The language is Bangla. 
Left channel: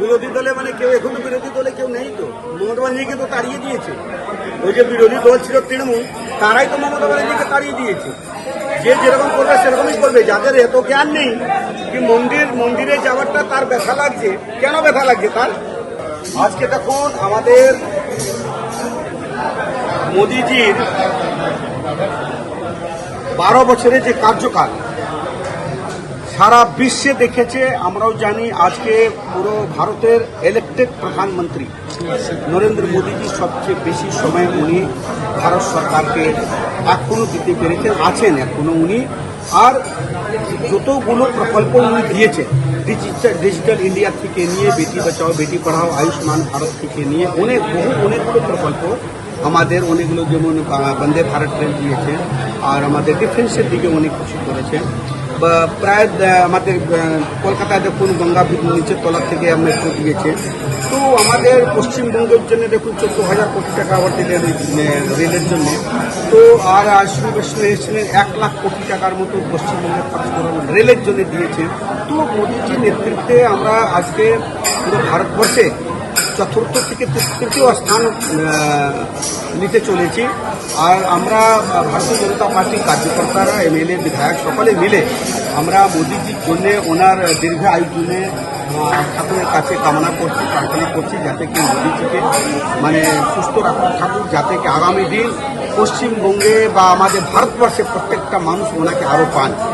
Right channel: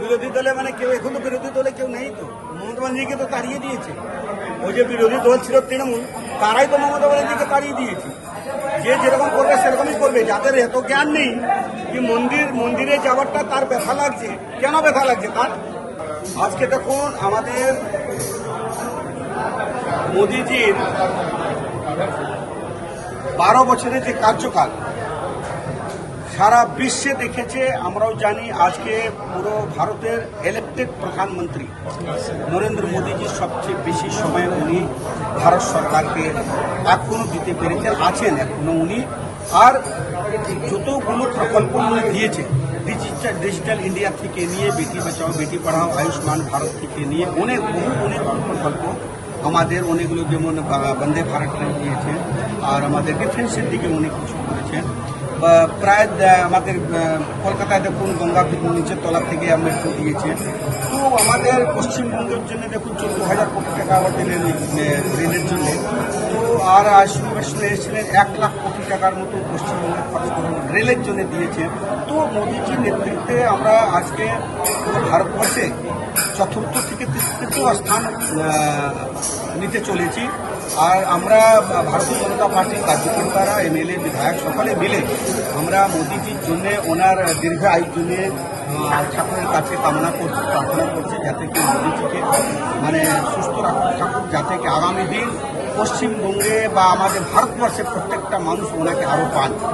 বিরোধী দলে মানে কেউ এখন তো বিরোধী দলে কেউ নেই তো। মমতা ব্যানার্জিকে তো তাড়িয়ে দিয়েছে। ওই যে বিরোধী দল ছিল তৃণমূল, তারাই তো মমতা ব্যানার্জিকে তাড়িয়ে দিয়েছে। যে যেরকম করবে সেরকমই করবে। যাদের এত জ্ঞান নেই কি মন্দিরে যাওয়ারটা তার ব্যথা লাগছে, কেন ব্যথা লাগছে তার? আজকে দেখুন আমাদের মোদিজির 12 বছরের যে কার্যকাল সারা বিশ্বে দেখেছে। আমরাও জানি আজকে পুরো ভারতের ইলেক্টেড প্রধানমন্ত্রী নরেন্দ্র মোদীজি সবচেয়ে বেশি সময় উনি ভারত সরকারকে এখনো দিতে পেরেছেন, আছেন এখনো উনি। আর যতগুলো প্রকল্প উনি দিয়েছেন, ডিজিটাল ইন্ডিয়া থেকে নিয়ে বেটি বাঁচাও বেটি পড়াও, আয়ুষ্মান ভারত থেকে নিয়ে অনেকগুলো প্রকল্প আমাদের, অনেকগুলো যেমন বন্দে ভারত ট্রেন দিয়েছেন, আর আমাদের ডিফেন্সের দিকে অনেক কিছু করেছেন। প্রায় আমাদের কলকাতায় দেখুন গঙ্গা নিচের তলা থেকে মেট্রো দিয়েছে। তো আমাদের পশ্চিমবঙ্গের জন্য দেখুন 14,000 কোটি টাকা আবার দিলেন রেলের জন্য। তো আর এসেছিলেন 1 লাখ কোটি টাকার মতো পশ্চিমবঙ্গে খরচ করে রেলের জন্য দিয়েছে। তো মোদীজির নেতৃত্বে আমরা আজকে পুরো ভারতবর্ষে চতুর্থ থেকে তৃতীয় স্থান নিতে চলেছি। আর আমরা ভারতীয় জনতা পার্টির কার্যকর্তারা, এমএলএ, বিধায়ক সকলে মিলে আমরা মোদীজির জন্য, ওনার দীর্ঘ আয়ুর জন্য ঠাকুরের কাছে কামনা করছি, প্রার্থনা করছি যাতে কি মোদীজিকে মানে সুস্থ থাকুক, যাতে কি আগামী দিন পশ্চিমবঙ্গে বা আমাদের ভারতবর্ষে প্রত্যেকটা মানুষ ওনাকে আরও পান।